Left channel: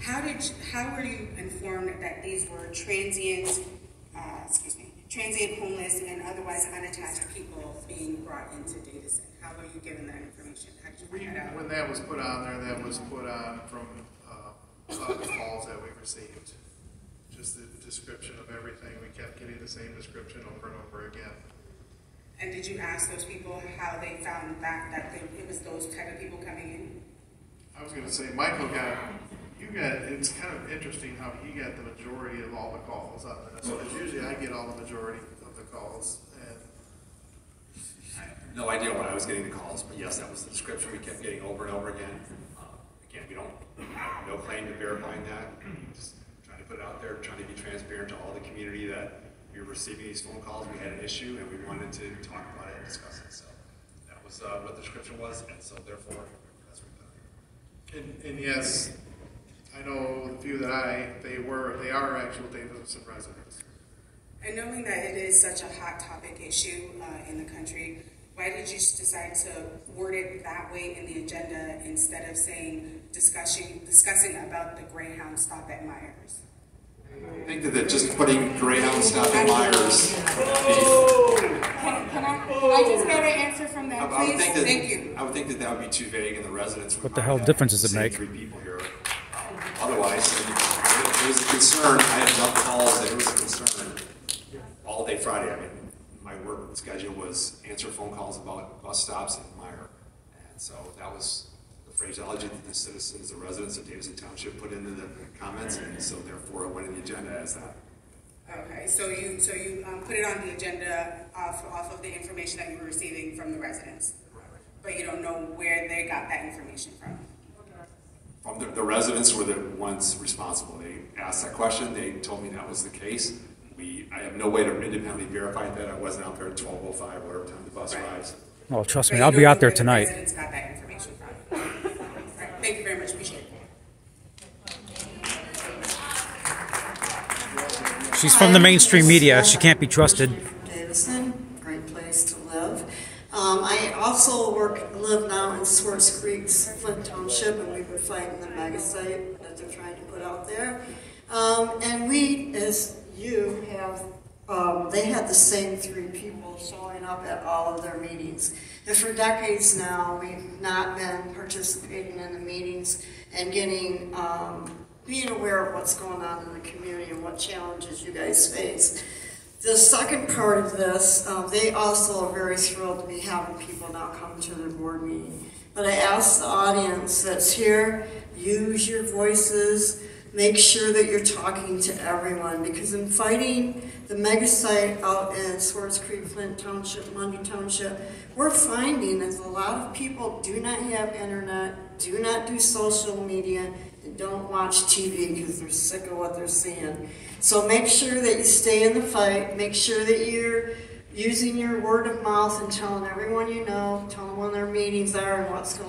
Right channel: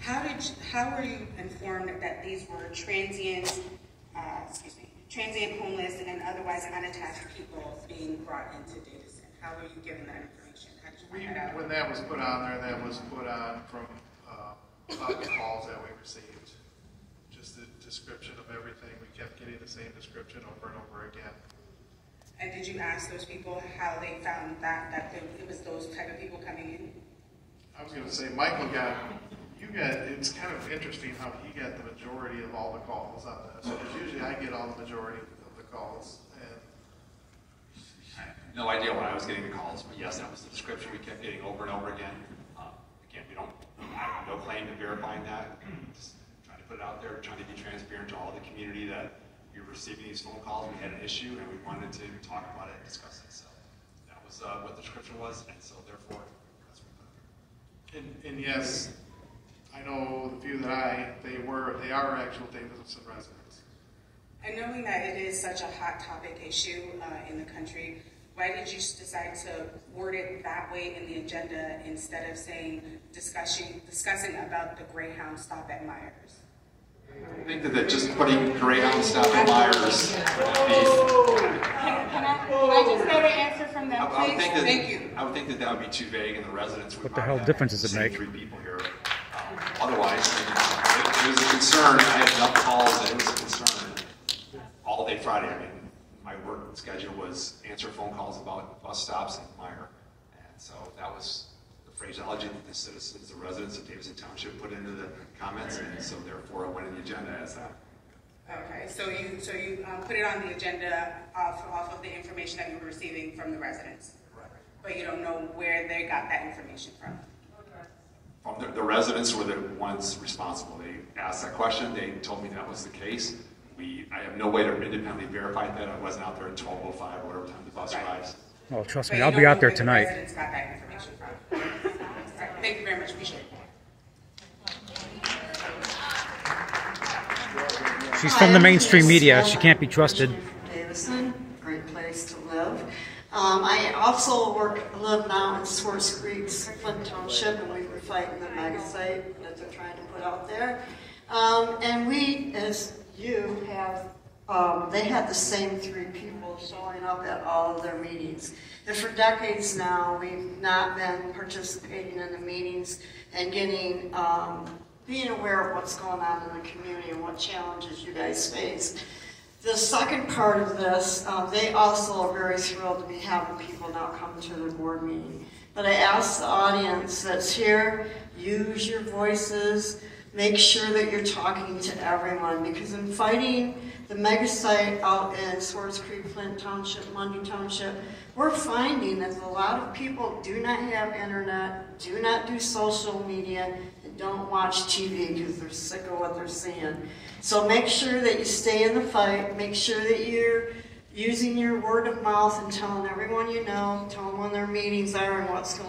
How were you informed that these were transient homeless and otherwise unattached people being brought into Davison? How were you given that information? How did you find that out? When that was put on there, that was put on from calls that we received. Just the description of everything. We kept getting the same description over and over again. And did you ask those people how they found that it was those type of people coming in? I was going to say, Michael it's kind of interesting how he got the majority of all the calls on this. Because usually I get all the majority of the calls. And I have no idea why I was getting the calls, but yes, that was the description we kept getting over and over again. Again, I have no claim to verifying that. Just trying to put it out there, trying to be transparent to all the community that we were receiving these phone calls, we had an issue, and we wanted to talk about it and discuss it. So that was what the description was, and so therefore, that's what we done. And yes, I know the few that they are actual Davison residents. And knowing that it is such a hot topic issue in the country, why did you decide to word it that way in the agenda instead of saying discussing about the Grey Hound stop at Myers? I think that just putting Grey Hound stop at Myers. Can I just get an answer from them, please? Thank you. I would think that would be too vague, and the residents would. What the hell difference does it make? 3 people here. Otherwise, it was a concern. I had enough calls that it was a concern all day Friday. I mean, my work schedule was answer phone calls about bus stops in Meyer, and so that was the phraseology that the citizens, the residents of Davison Township put into the comments, and so therefore it went in the agenda as that. Okay, so you put it on the agenda off of the information that you were receiving from the residents, Right. but you don't know where they got that information from. From the residents were the ones responsible. They asked that question. They told me that was the case. I have no way to independently verify that. I wasn't out there at 12:05 or whatever time the bus arrives. Oh, trust me, I'll be out there tonight. The residents got that information from. All right, thank you very much. Appreciate it. She's from the mainstream media. She can't be trusted. Davison, great place to live. I also live now in Swartz Creek's Flint Township, and we were fighting the mega site that they're trying to put out there. And we, as you have, they had the same 3 people showing up at all of their meetings. And for decades now, we've not been participating in the meetings and getting, being aware of what's going on in the community and what challenges you guys face. The second part of this, they also are very thrilled to be having people now come to their board meeting. But I ask the audience that's here, use your voices, make sure that you're talking to everyone, because in fighting the mega site out in Swartz Creek, Flint Township, Mundy Township, we're finding that a lot of people do not have internet, do not do social media, and don't watch TV because they're sick of what they're seeing. So make sure that you stay in the fight, make sure that you're using your word of mouth and telling everyone you know, telling when their meetings are and what's going on.